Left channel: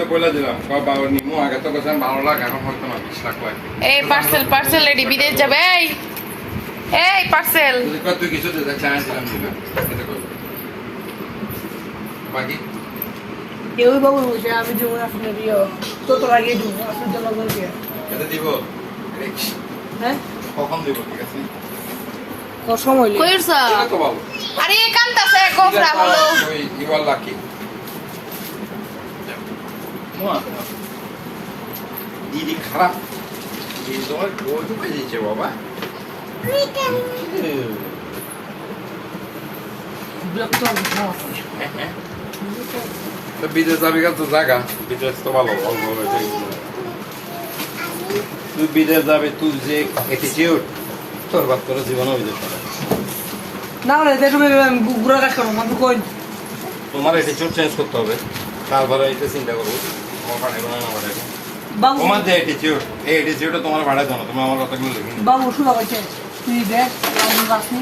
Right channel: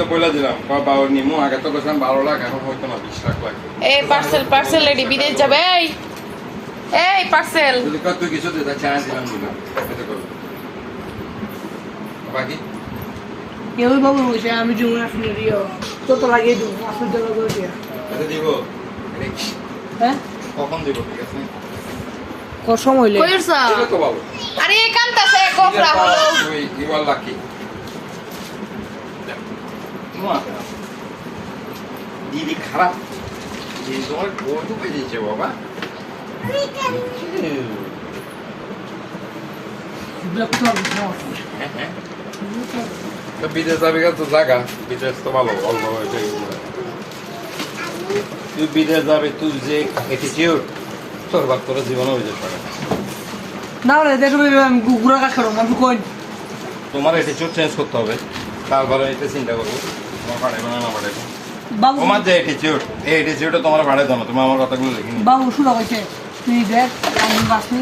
তো কইলা দিলাম বাবা নিমু আগে তো কইলাম 12 লাখ এখন হইতো না 20 লাখ লাগবে এই পার্সেল রেডি বিদেশ যাবে এই পার্সেল তুই কত তুই কিছু দিতে চাস দিলাম দিলাম কত করব বাকি কেউ বাবু বলছে আমি জুম আপনার তো লাগিয়ে দিব আপনার জন্য করে দিয়ে কত দিব হ্যাঁ কখন দিব ঠিক আছে কত সময় লাগে কইরছ এটা তো ভালো আরে কান্তাছে গোফরা হলো ওই ইওয়াল লাকি দিদি খারাপ এই তোমার বউ ঢুকে দিয়েছে বাবা তো বিদেশ যাবি তো জায়গা বিদেশ তো ভালো অল্প তুই বিদেশ যাবি তুই যে অ্যাটিটিউড তোর বাদ করে জীবনও বিদেশ পারে না না দেখুন গুড়া কাজ করো আমি কই তোমার অ্যাটিটিউড চেঞ্জ করতে হবে তারপরে এটা চিন্তা করবো বাবু তোমার যে অ্যাটিটিউড এই অ্যাটিটিউডটা তোমার ভাড়ায় দাও না তুমি আমার কথাগুলো লিখে নিও বাবু শুনো বলছে তুই দেখ আমি বাসনি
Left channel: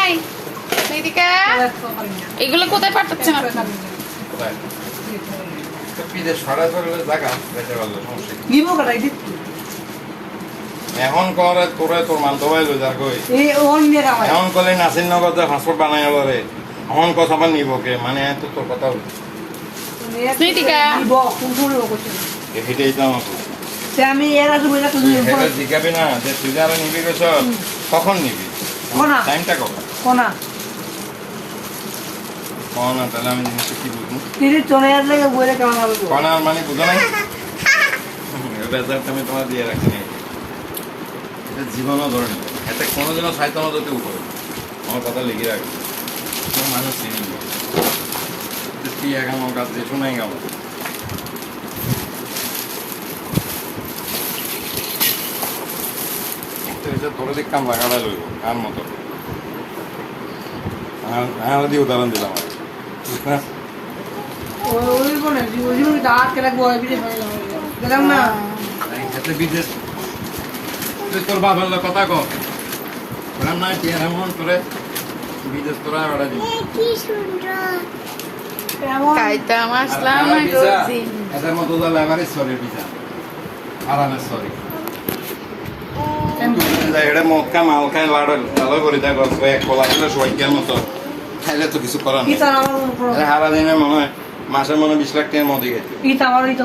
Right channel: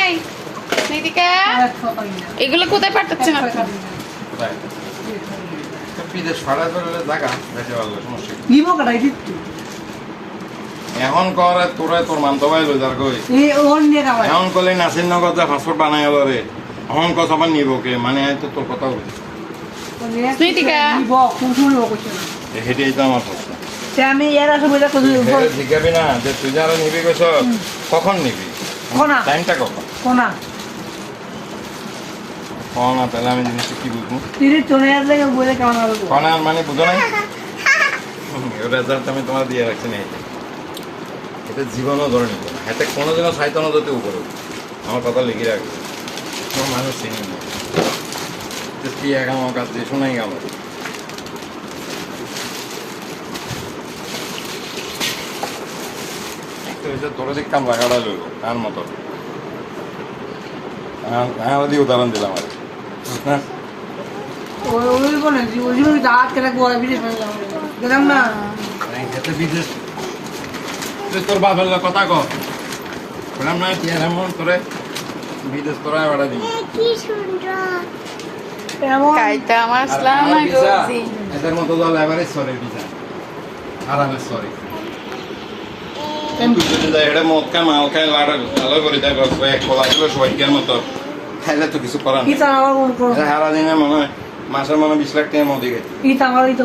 এই নিদিকা এগুলো কোথায় পাঠাচ্ছেন আপনি কোথায় তো বিদেশ ভাড়ায় করে জায়গা বেঁচে ভালো সমস্যা কি? নিবো কাটাই দিত এখন করে তোরা তোর মানতে ভাই লই যা কই এই অন্যের আওয়াজ এখন কলে নাসির নগর যা পাসপোর্ট বানাই হলো রে এখন কথা বা নিব কে মানে তো তোর কথা হলো স্মৃতিকা। নিবো কোন শুনবো কইছে হেঁটেই তো আমার প্রশ্ন। সে আমি এর আগে বলে কই হেঁটে জিজ্ঞাবি না যে তুই যারা নিবি গেছ কখন নিবি কোনা। টাইমটা কখন কোনা কখন তাহলে আমি জিনিসটা কি বুঝবো তিনি তোনের লাগে বলে কেমন হবে কনার মানে বুঝো নাই ওটা রেজাল্ট আমি তোমার দিয়ে রাখছি নাই এটা জীবনও ধরে নেব এতে কোনোদিনও সাহিত্য মতো উপরে আমার কথা লিখে রাখবে কোনো মানুষ চিনি না তুই এক আমার কাছে শোনাই গেল তোরা দেখতাম লাগাটা লইব কার মতো হ্যাঁ দিয়ে উদাহরণ দিলাম আর হ্যাঁ ওই কোনে জীবনে দাঁত কেন বড় বিদেশ গেলাম না এতে বিদেশ তুই তোর বাবার লোক কথা কর এরম নয় কি এমন করে বিদেশ তোরা বেড়া দিবি এমন খাইতাম আসলাম না গজি এদের মতো তো লেবারেজ সরে ভিসা আরামের সরে এটা মক্কা মাল খায় লাড়ো করে দেয় গল্প এক খোলা ছিল সবাই কেন তো খাইলে তো কিছু করার ইতা আমার নেই হারা দিনে মনে হয় মাসে মনে 20 লাখ টাকার মধ্যে গেছে ইতা আমার ইতা